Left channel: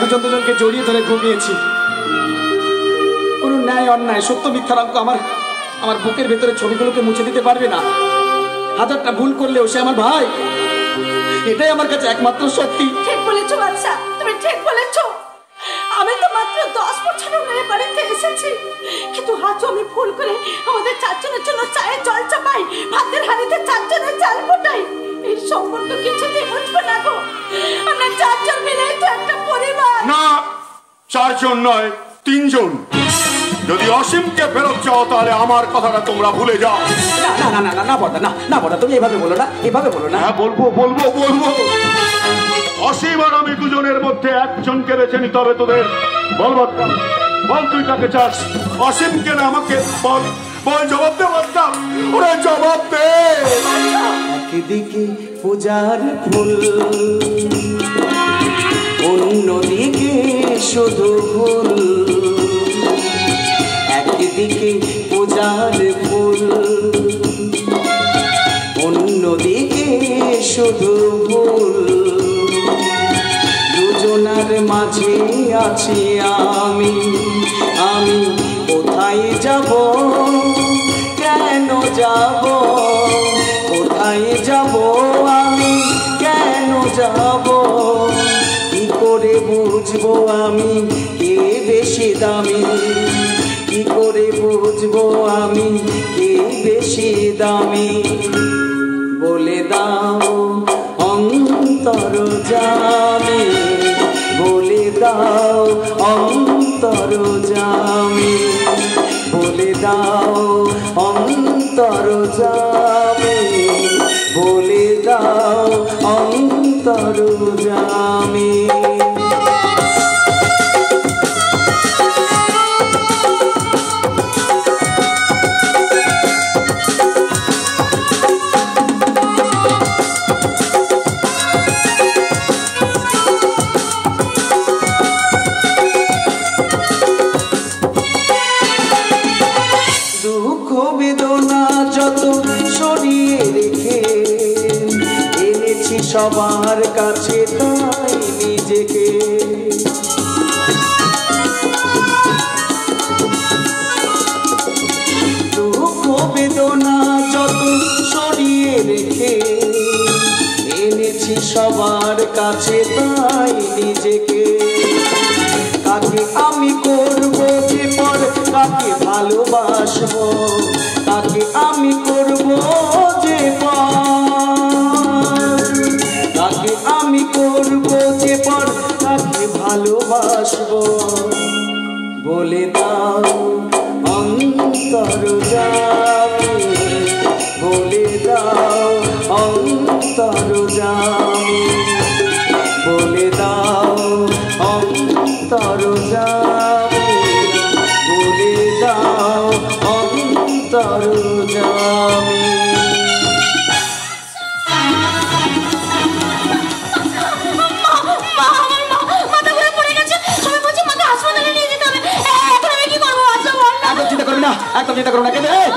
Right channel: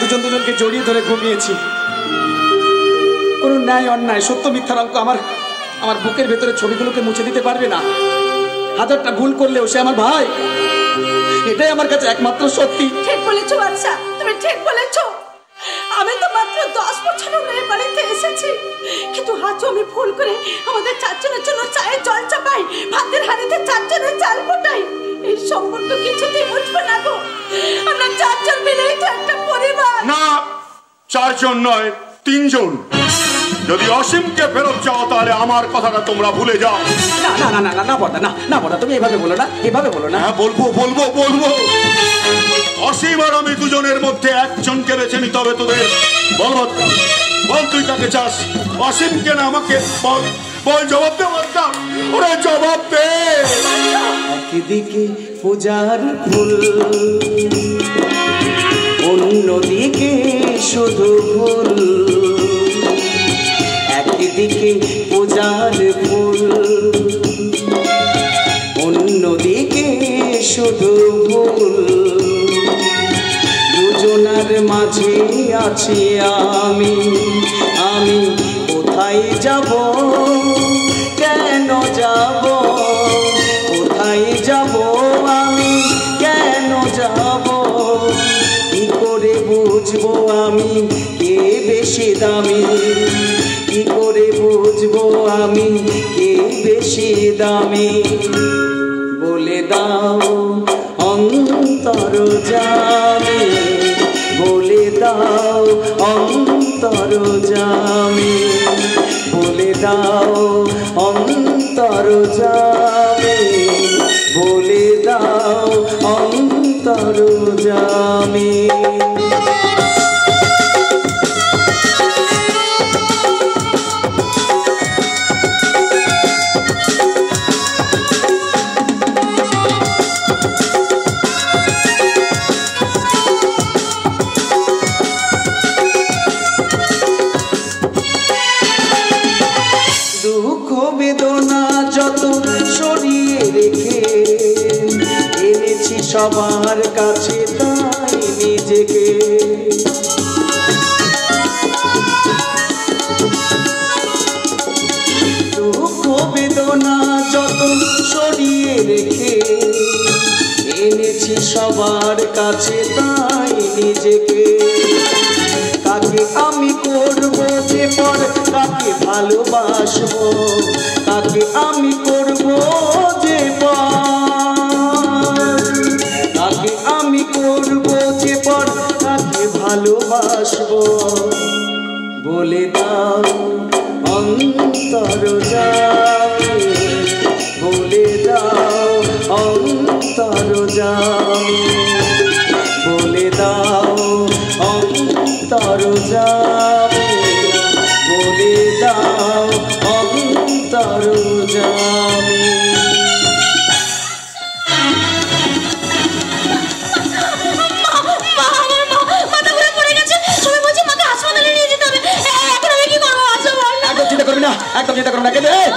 দুজন দুজনকে জড়িয়ে ধরে ঘুমিয়েছি। কোনো ন্যায় অন্যায় সত্য মিথ্যার অঙ্ক আমার বুকের ভেতরে ছবিগুলোকে মুছে দিতে পারবে না। হাজারটা ভুল করলেও সে আমার ভাই, এটাই আমার কাছে একমাত্র সত্যি। ঠিক বলেছো বাচ্চা, তুমি ঠিক বলেছো। আমি তো মাত্র 10 বছর হয়ে বাড়িতে এসেছি, কিন্তু আজ আমি ভুল করে আমাদের চারজনের জন্য চায়ের জল চাপাই, ভাতের হাঁড়িতে চারজনের চাল ফোটাই। এই সম্পর্ক কিছুতেই বুঝবে না গো। আমরা চারজন মিলেই তো একটা পরিবার। না, চারজন নয়, 3 জন। যদি অসীমকে ফেরত চাও তাহলে আমার কথাটা তোমরা ভুলে যাও। না না না না না বড়দা, না বড়দা, তুমি এভাবে বলো না, এভাবে বলো না। হ্যাঁ, বলবো। অসীম আর আমি দুজনের মধ্যে একজনকে বেছে নিতে হবে তোদের। বল তুই কাকে চাস, অসীমকে না আমাকে? বল জবাব দে বলতা, ওরে জবাব দে। একদিকে পূজার ফুল, অন্যদিকে শুধু ভুল। একদিকে পূজার ফুল, অন্যদিকে শুধু ভুল। দুজনার মাঝে আছি আমি কোথায় যাব, কেন যাব, কোথায় যাব আমি, কেন যাব? কি করে বুঝবো আমি কে বেশি দামি, কি করে বুঝবো আমি কে বেশি দামি? বলে দাও অন্তর জামি, বলে দাও অন্তর জামি, বলে দাও অন্তর জামি, বলে দাও অন্তর জামি। দুঃখ বেদনা যত সরিয়ে রেখে এনেছি সবার কাছে তাই নিজেকে। দুঃখ বেদনা যত সরিয়ে রেখে এনেছি সবার কাছে তাই নিজেকে। কাকে আমি করবো যে পর, কাকে ভালোবাসবো, কাকে আমি করবো যে পর, কাকে আমি করবো যে পর, কাকে ভালোবাসবো? বলে দাও অন্তর জামি, বলে দাও অন্তর জামি, বলে দাও অন্তর জামি, বলে দাও অন্তর জামি। চিন্তা করবি না, একদম চিন্তা করবি না,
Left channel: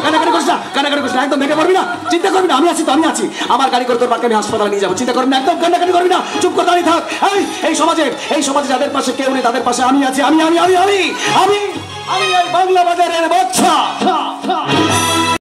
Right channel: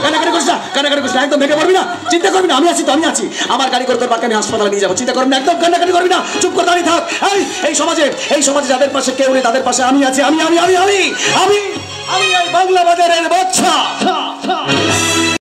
কানাকানি করিস না, কানাকানি করিস না, একদম ভেঙে পড়বি না, চিন্তা করবি না, আমি আছি তো, আমি আছি। আমার গাড়ি করে তোর বাচ্চাকে আমি হাসপাতালে নিয়ে যাবো, চিন্তা করবি না, একদম কান্নাকানি করবি না, চুপ করে দাঁড়িয়ে থাক। এই সমাজে যাদের পাশে কেউ নেই তাদের পাশে আমি আছি, আমি এই বাংলা বাজারের বাদশা।